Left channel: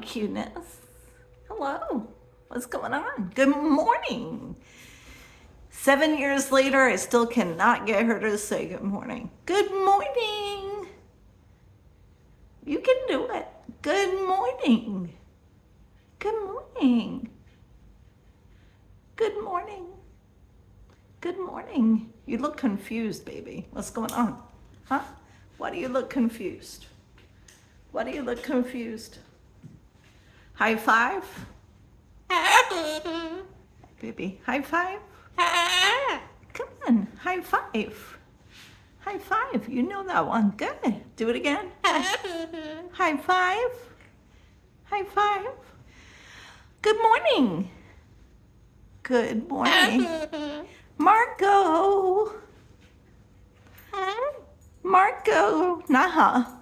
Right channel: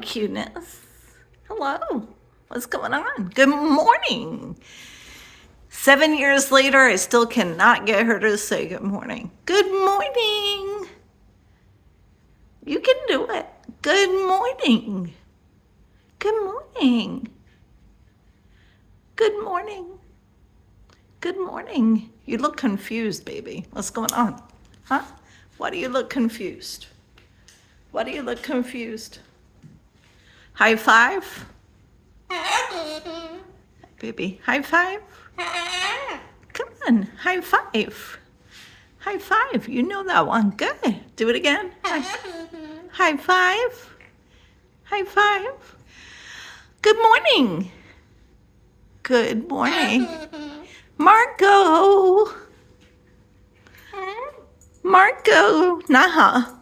cuteness. Hello. What's going on? Good morning. 7 years later, I still cannot get her to say good morning. Good morning. You can do it. Good morning. Good morning. Good morning. Good morning. You look confused, baby. What's going on? Huh? Why do you look confused? Why do you look confused? High five? Baby, high five? Come on, high five. High five. You know that one. Good. Do it again. High five. High five. Good morning. Good morning. Marco. Marco. Naha.